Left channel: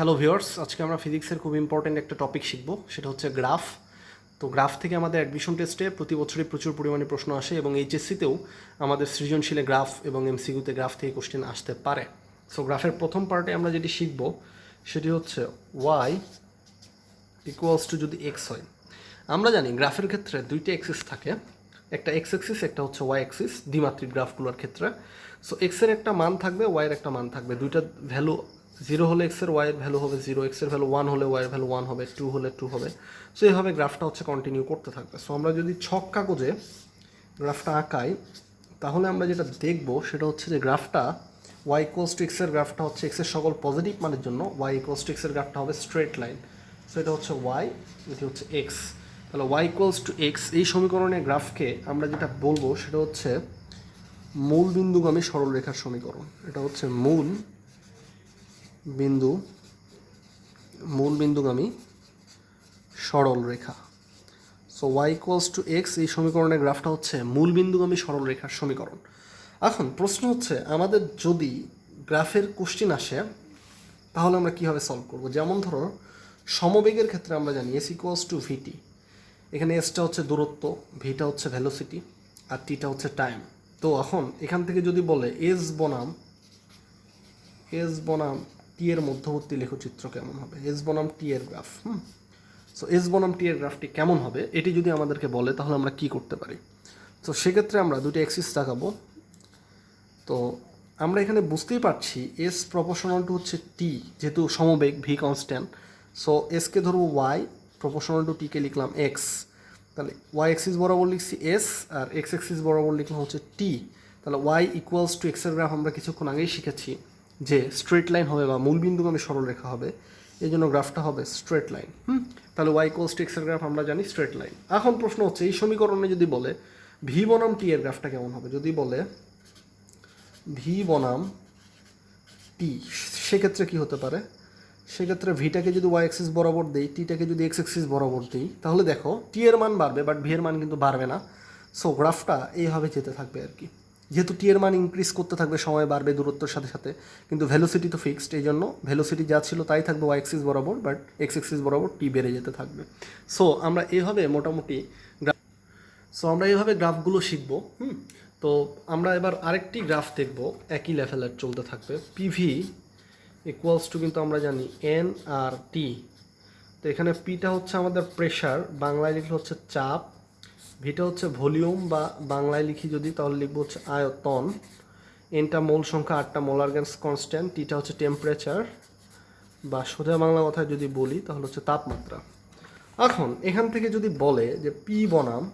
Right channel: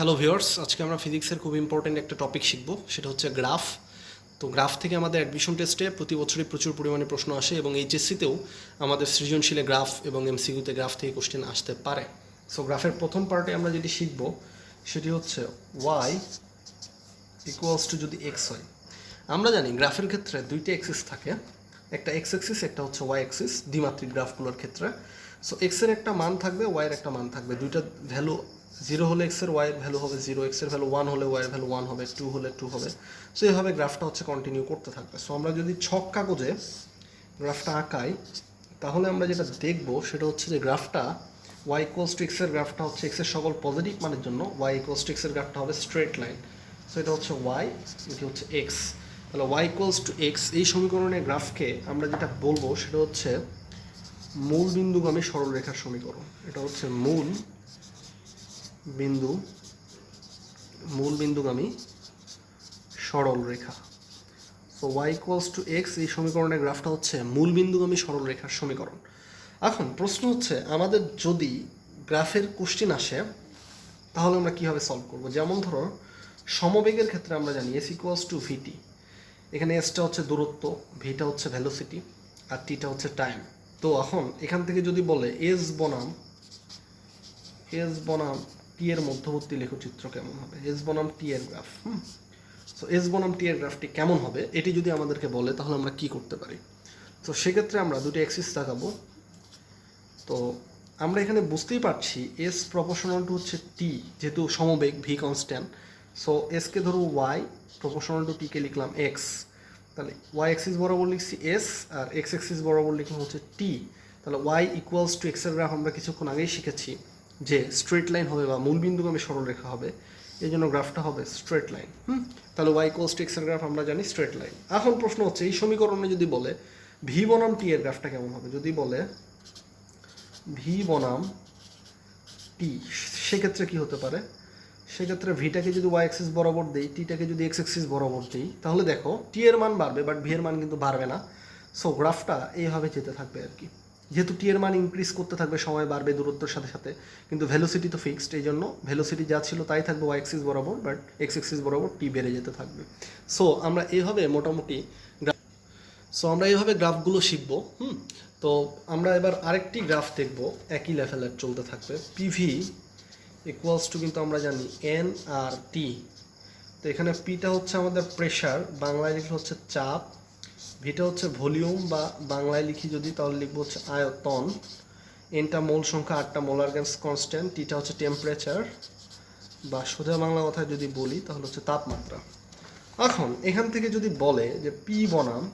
Hello viewers, আজকে আমরা ফিজিক্সের খুব ইম্পর্ট্যান্ট একটা টপিক শিখব, সেটা হচ্ছে গ্রাফ। তো গ্রাফ থেকে আমাদের অ্যাডমিশন টেস্টে প্রতি বছরই প্রচুর পরিমাণে প্রশ্ন আসে এবং এইচএসসিতেও আমাদের সৃজনশীলে গ্রাফ এবং এমসিকিউতে গ্রাফ থেকে কোশ্চেন আসতে পারে। সো গ্রাফের প্রথম পার্টে আমরা যেটি শিখব সেটি হচ্ছে ওয়াই ইকুয়ালস টু যদি এক্স হয়। আমরা জানি গ্রাফের ক্ষেত্রে দুইটি অ্যাক্সিস থাকে, একটা এক্স অ্যাক্সিস, একটা হচ্ছে ওয়াই অ্যাক্সিস, দ্বিমাত্রিক গ্রাফগুলোর ক্ষেত্রে। সো এক্সের একটা মান থাকবে, ওয়াইয়ের একটা মান থাকবে, দুইটা ভ্যালু জিরো হলে এক্সের ওয়াইয়ের ভ্যালু হবে জিরো, এক্সের ভ্যালু ওয়ান হলে ওয়াইয়ের ভ্যালু ওয়ান হবে, টু হলে টু হবে। সো এইভাবে গ্রাফটা হচ্ছে কন্টিনিউ করতে থাকবে। সো আমরা যদি ছক কাগজে গ্রাফটা আঁকাই তাহলে আমরা যেটা দেখব সেটা হচ্ছে যে গ্রাফটা ওয়াই ইকুয়ালস টু এক্সের গ্রাফটা হচ্ছে এক্সের সকল পজিটিভ মানের জন্য ওয়াই ইকুয়ালস টু এক্সের গ্রাফটা হবে স্ট্রেট লাইন। সো এটা হচ্ছে ওয়াই, এটি হচ্ছে এক্স। তাহলে ওয়াই ইকুয়ালস টু এক্স এই সমীকরণের গ্রাফকে আমরা যেটা বলবো সেটা হচ্ছে মূল বিন্দুগামী সরলরেখার সমীকরণ। এটা হচ্ছে মূল বিন্দুগামী সরলরেখা। So Y equals to X এই সমীকরণের গ্রাফটা হচ্ছে মূল বিন্দুগামী সরলরেখার সমীকরণ। এখন প্রশ্ন হচ্ছে আমাদের যদি গ্রাফের কোশ্চেন আসে তাহলে আমরা কীভাবে সলভ করব। যেমন ধরো সমবেগের ক্ষেত্রে আমরা জানি এস ইকুয়ালস টু ভিটি। এখানে এসটা হচ্ছে দূরত্ব, ভিটা হচ্ছে ভেলোসিটি, আর টিটা হচ্ছে টাইম। তো এখন এখান থেকে যদি বলে এস বনাম টি এর মধ্যবর্তী লেখচিত্র কেমন হবে, এস বনাম টি এর গ্রাফ। সো এস বনাম টি এর গ্রাফটি কেমন হবে এটি যদি আমাদেরকে বলে তাহলে আমরা কি করতে পারি। তো সেক্ষেত্রে আমরা দুটি অ্যাক্সিস দেখাবো। তো আমরা এখানে বুঝতেই পারছি এস প্রপোর্শনাল টু হচ্ছে টি, যেহেতু সমবেগ ভি কনস্ট্যান্ট। সো এসকে ধরো ওয়াই, প্রপোর্শনাল টু টিকে লিখলাম এক্স। তাহলে ওয়াই অ্যাক্সিস বরাবর লিখছি এস, আর এক্স অ্যাক্সিস বরাবর লিখলাম হচ্ছে টি। তাহলে ওয়াই ইকুয়ালস টু এক্সের গ্রাফ আমরা কিছুক্ষণ আগেই শিখেছি যে স্ট্রেট লাইন হবে বা মূল বিন্দুগামী সরলরেখা হবে, এই জন্য গ্রাফটা হবে স্ট্রেট লাইন। তাহলে ওয়াই ইকুয়ালস টু এক্সের গ্রাফ আমরা জানি স্ট্রেট লাইন। এখন প্রশ্ন হচ্ছে এই সমীকরণে যদি বলে ভি বনাম টি এর গ্রাফটা কেমন হবে, যদি বলে ভি বনাম টি, সেক্ষেত্রে কী হতে পারে। সেক্ষেত্রে ভিটাকে যদি ওয়াই অ্যাক্সিস বরাবর দেই, টিটাকে যদি এক্স অ্যাক্সিস বরাবর দিই, তাহলে দেখো টি এর মান বাড়বে বাট ভি এর মান কিন্তু বাড়বে না। সো গ্রাফটা এইভাবে যেতে থাকবে আর কি। যেহেতু টি এর মান ইনক্রিজ করতে থাকবে, সময় বাড়বে দূরত্বের সাথে সাথে, কিন্তু ভেলোসিটি তো ফিক্সড, এই জন্য ভেলোসিটি যা ছিল তাই থাকবে ওয়াই অ্যাক্সিস বরাবর, বাট এক্স অ্যাক্সিস বরাবর টি বেড়ে যেতে থাকবে। সো আমরা এইভাবে মোটামুটি গ্রাফগুলো শিখবো। তো আমরা এবার আরেকটি গ্রাফ দেখব, একই লেভেলের চলতে থাকবে। পিভি ইকুয়ালস টু কিন্তু আমরা জানি এন আর টি। তো এখানে পিটা হচ্ছে আমাদের প্রেশার, বাংলায় লিখলে হচ্ছে চাপ, ভিটা হচ্ছে ভলিউম বা বাংলায় লিখি যদি তাহলে লিখবো হচ্ছে আয়তন, এনটা মোল সংখ্যা, আটটা মোলার গ্যাস কনস্ট্যান্ট, টিটা হচ্ছে টেম্পারেচার বা সোজা বাংলা কথায় যদি বলি তাহলে হচ্ছে তাপমাত্রা। এখন এখান থেকে যদি বলে যে পি বনাম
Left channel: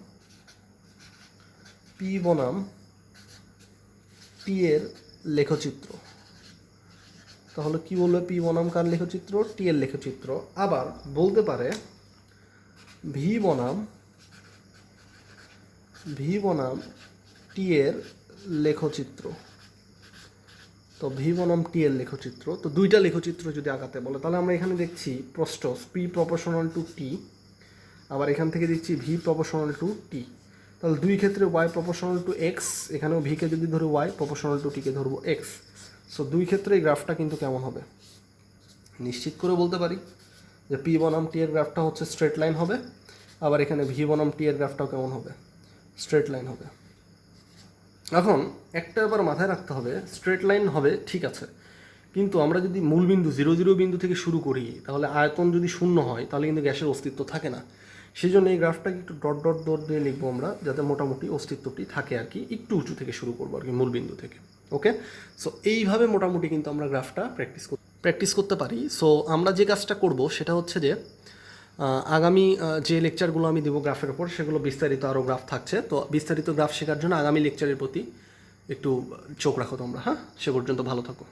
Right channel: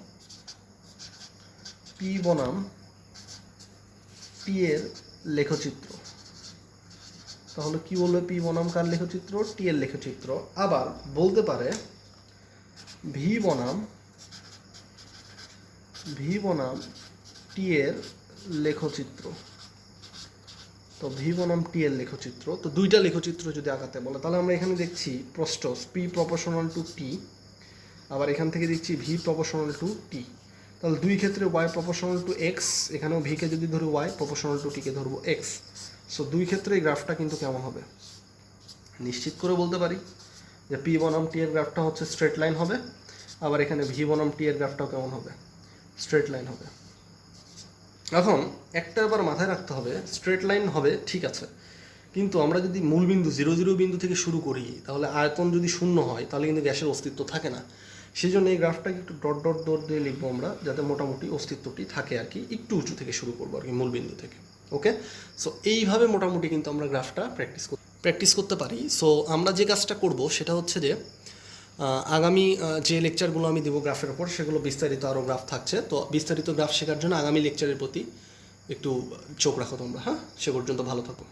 টি এর লেখচিত্র, তাহলে কি বলবে পি বনাম কার লেখচিত্র, টি এর লেখচিত্র। আবার বলতে পারে ভি বনাম টি এর লেখচিত্র। তো ভি বনাম টি এর লেখচিত্র, তো দুইটা লেখচিত্র যদি আঁকাতে বলে তাহলে আমরা এখানে দেখছি প্রস্থ পি প্রপোর্শনাল টু টি, আবার এখান থেকে দেখছি ভি প্রপোর্শনাল টু টি। তাহলে দুই ক্ষেত্রে ওয়াই প্রপোর্শনাল টু এক্স, এখানেও ভিকে যদি ধরো ওয়াই, প্রপোর্শনাল টু টিকে ধরবো এক্স। সো দুই ক্ষেত্রে এই গ্রাফটা কিন্তু কেমন হবে নিশ্চিত করে বলতে পারি যে পি বনাম টি এর গ্রাফটা হচ্ছে স্ট্রেট লাইন হবে, আবার এখানে ভি বনাম টি এর গ্রাফটাও কেমন হবে, স্ট্রেট লাইন হবে। এখন একটা আবার মাথায় রাখতে হবে, স্ট্রেট লাইন হবে ঠিক আছে, কিন্তু আমরা যদি মূল বিন্দু 0 বিন্দু থেকে শুরু করি তাহলে আয়তন যদি শূন্য হয় তাহলে কিন্তু গ্যাসের অস্তিত্ব থাকে না। সেই জন্য এই গ্রাফটাকে একটু ডট ডট ডট দিয়ে লিখবো আমরা, যাতে মোটামুটি অস্তিত্বটি থাকে আর কি। একটু উঁচু থেকে শুরু করবো আর কি, মূল বিন্দু থেকে। ওকে, সো এইভাবে মোটামুটি কিন্তু আমরা গ্রাফটা প্র্যাকটিস করতে পারি। সো আমরা যে কাজটা করব সেটা হচ্ছে যে আগামী যে লেকচারগুলো আমি দেবো গ্রাফের ওপর, সেগুলো বিস্তারিত আরও গ্রাফ থাকছে। তো বিস্তারিত গ্রাফ শেখার জন্য আগামী লেকচারের প্রতি একটু চোখ রাখো তোমরা। হ্যাঁ, সে পর্যন্ত ভালো থাকো।